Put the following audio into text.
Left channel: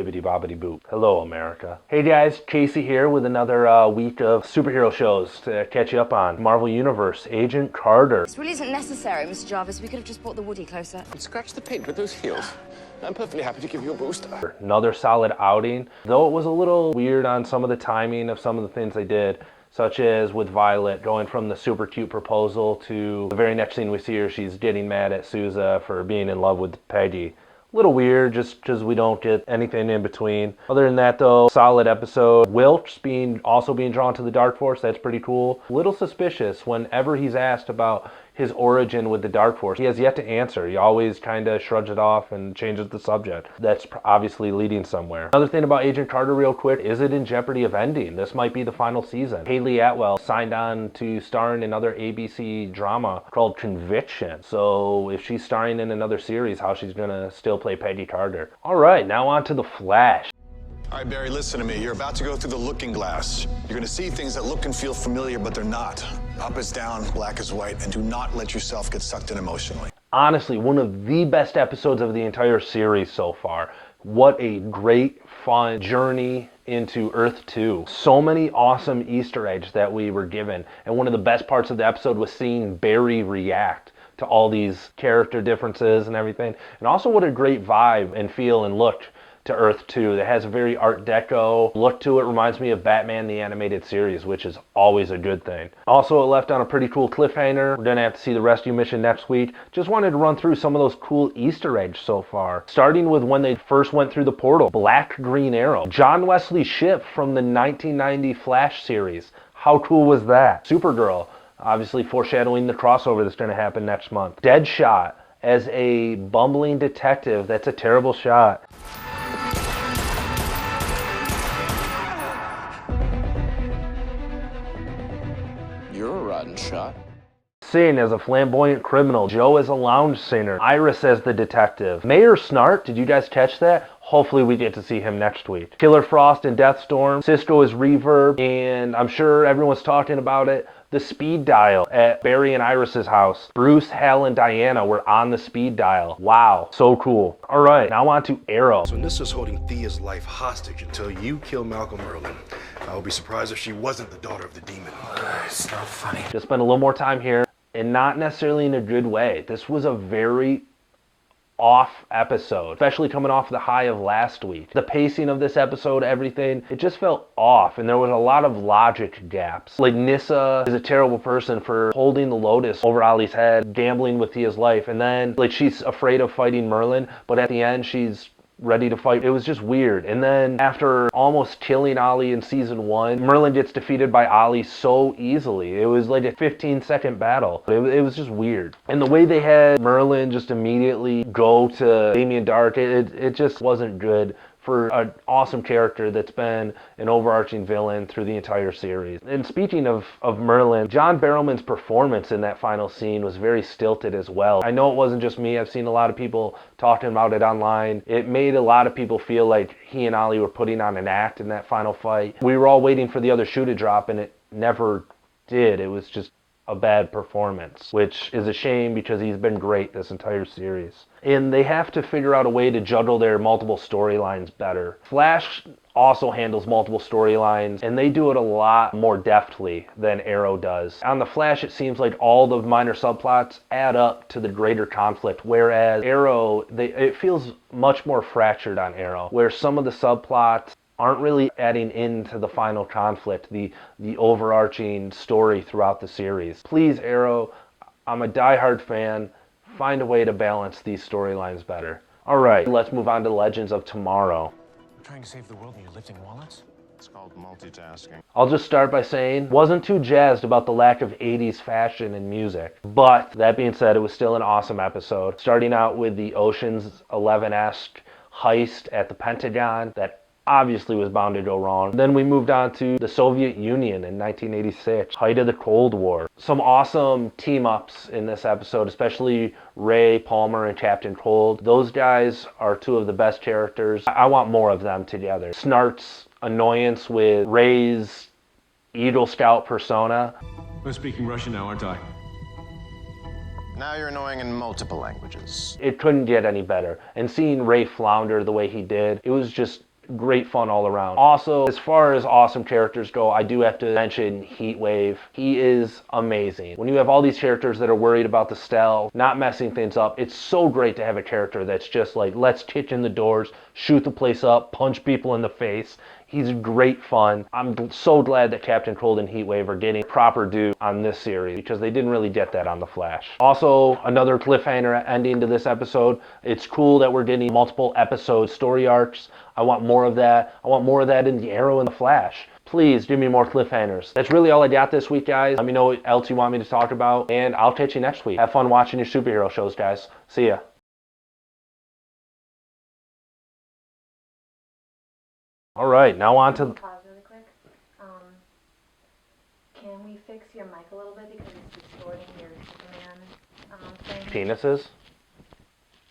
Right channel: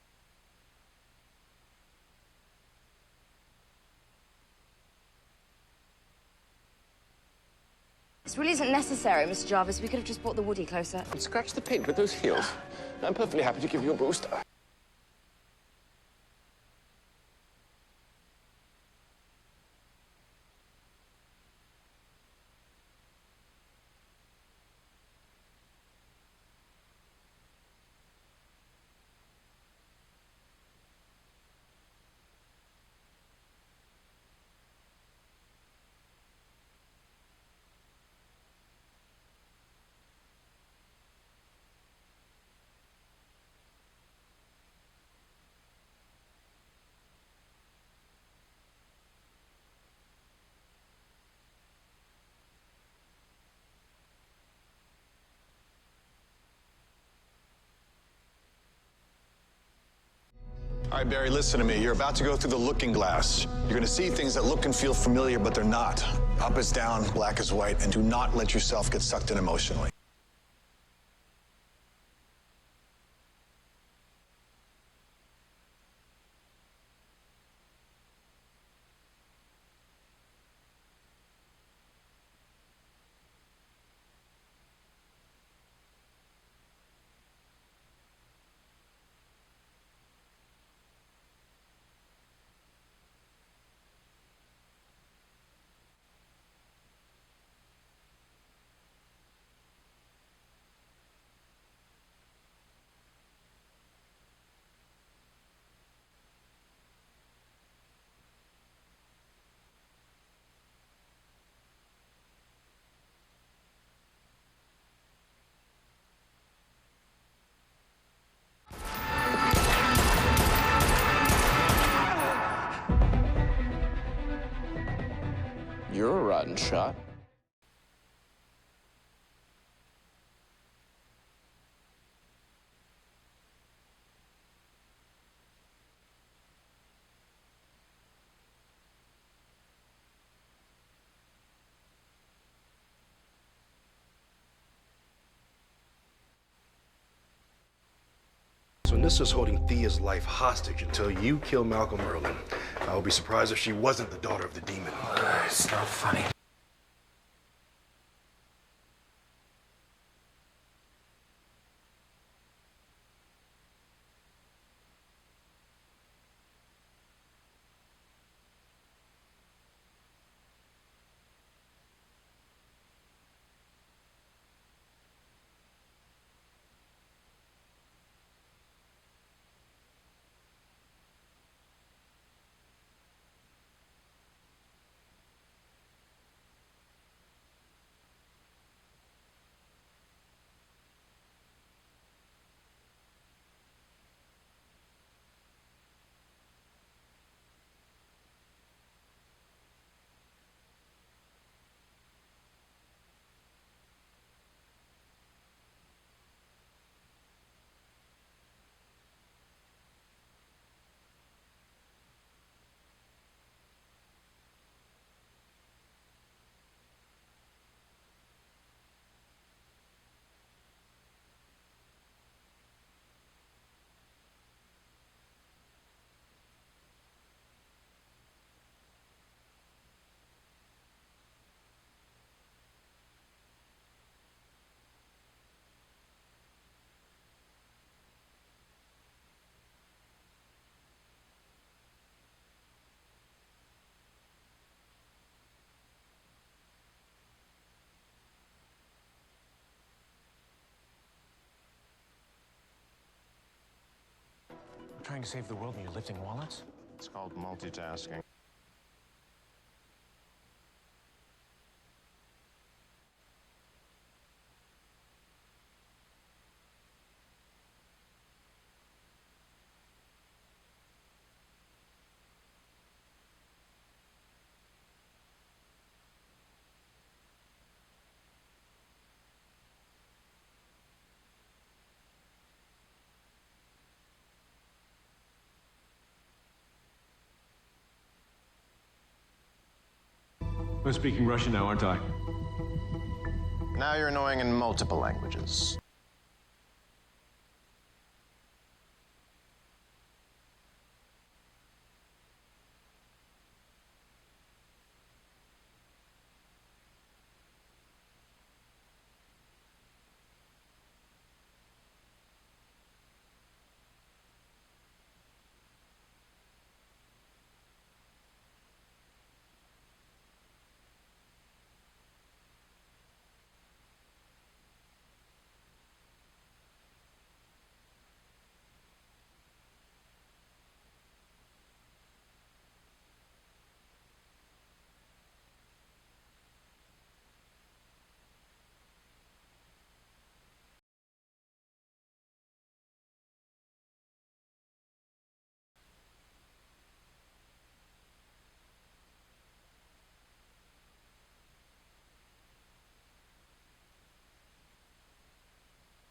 Bibbidi bobbidi boop. Hello, America. Hey guys, Casey here with another week of superhero shows to catch you up on. Marvel Universe, Agent Carter. This really isn't necessary, Mr. Jarvis. We could have just brought the Woody closer. Scratch the paint with those heels. I'm perfectly happy to give you a boost. Another solid outing, though it was a little weird on some of the timing of some of the things they did, such as with Violet going from the super cute proposal to the very next scene we see her, she's getting mad at Sousa for being in love with Peggy. A little weird just because we don't get anything in between. Other than that though, solid episode. Wilkes also being drawn to the Dark Force, that's pretty cool. A little suspicious whenever he's asked about his origin with the Dark Force. He has yet to answer. He always kind of shrugs it off and changes the subject. That's obviously leading somewhere. Another thing about Agent Carter real quick, is it in jeopardy of ending? This might be the final season. Haley Atwell signed on to star in another ABC drama called Conviction. So if she's starring in another series, how she's gonna still play Peggy Carter. All right, now on to The Flash. All right, Barry, listen to me. You're about to go through the looking glass. You're going to see things that look and feel familiar, but they're not. Up is down, black is white, and do not let yourself get sucked in emotionally. Honestly, one of the best episodes of the entire series so far. What a great, fun journey into Earth 2. So many awesome Easter eggs that we were given. And one of the best parts of the episode was seeing Barry react to all these character differences and everything. And also what a great vibe and feel and look to Earth 2 that has a very Art Deco look to it. Reminds me of Batman the Animated Series, which is always a good thing. Also, it left on a pretty cool cliffhanger. We're gonna have to see the rescue mission next week. Just wanted to run through some of those cool Easter eggs so far. Starting with when they first went through the portal. Black Green Arrow. John Wesley Shipp from the 1990 Flash series. How cool was that? Supergirl, obviously foreshadowing the crossover that's gonna happen next month. Deadshot as a bumbling detective. That's a terrible shot. You're a rotten shot. Sin as a flamboyant criminal. Joe as a lounge singer. Iris as the detective. Mayor Snart, did you guys catch that? Hopefully we get to see him next week. Killer Frost and Deathstorm. Cisco as Reverb, and I'm sure everyone's talking about it. The speed dial at Barry and Iris's house. Bruce, Hal, and Diana were on the speed dial. Wow, so cool. All right, now on to Arrow. So Nissa's holding Thea's life hostage until you kill Malcolm Merlin. I would be surprised if she wasn't the daughter of the demon. It's not funny. Just spend a little more time here, and not necessarily in a good way. This was a very off episode, especially coming off the high of last week. The pacing of this episode, everything, it just felt off, and there was a lot of logic gaps. Like, Nyssa is a terrible person for holding the Lotus over Ollie's head, gambling with Thea's life, and then, like, she's afraid of fighting Merlin, but at the end, she's ready to fight. It was just weird. And then after almost killing Ollie in season 1, Merlin gets defeated by Ollie so easily. It was like a 15-second battle. It was just weird. And the way they had Merlin just immediately go to Damien Dark, it just wasn't good for an awesome character that's been an overarching villain through the entire series. And speaking of Merlin, John Barrowman's performance in that final scene was very stilted as well. I know it wasn't just me. I've seen a lot of people talking about it online. It made a lot of people feel like he and Ollie were putting on an act in that final fight. We were all waiting for the other shoe to drop, and it never did. It was just a bad performance, which is a shame because he's been great this entire series. And they have to figure out a way to juggle their multiple storylines better. Flash also handles multiple storylines, and they do it a lot more deftly than Arrow does. On The Flash, it seems like all the minor subplots add up to the greater conflict, whereas Arrow, it feels much more fractured on Arrow, where some of the subplots aren't really adding into the final conflict, the overarching story throughout the series. Please, Arrow, I'm a diehard fan. Find a way to balance these storylines better. All right, let's move on to Legends of Tomorrow. I'm trying to save the world and you're lifting wallets? It's called multitasking. I'll just start by saying, wasn't too jazzed about the lack of 80s fashion and music. But that being said, it was still an awesome episode. Starting out with the Ocean's 11-esque heist at the Pentagon that obviously was bound to go wrong. Then we moved on to the Soviet Union in 1986, height of the Cold War. Some awesome team-ups in this episode, especially Ray, Palmer, and Captain Cold. Those guys are two of the best characters. I want more of them together. Snart's annoyance with Ray's Eagle Scout persona. I'm speaking Russian now, aren't I? Now you're annoying in multiple languages. It couldn't get any better. And seeing Ray flounder the way he did, it was just great fun all around. Also, as far as awesome characters go, I do have to mention Heatwave. He is amazing. When you have all these characters that are worried about the stealth, not messing things up, it's so great to have a character that's just like, let's kick in the doors, shoot the place up, punch people in the face. He's great fun. I'm so glad that Captain Cold and Heatwave are getting proper due on this series because they didn't really get that on The Flash. Also, another cliffhanger ending to this episode. It's cool that we're getting multiple episode story arcs. I want more of that. I want more of that in the Arrow and The Flash. Please give me more cliffhangers. That's really all I got this week, guys. Let me know what else you want me to talk about, and I'll catch you next week. Have fun watching your superhero shows, guys. See ya. All right, now on to... Pause really quick. Can we fix your mic a little bit because it's distorting your Superman thing? penises.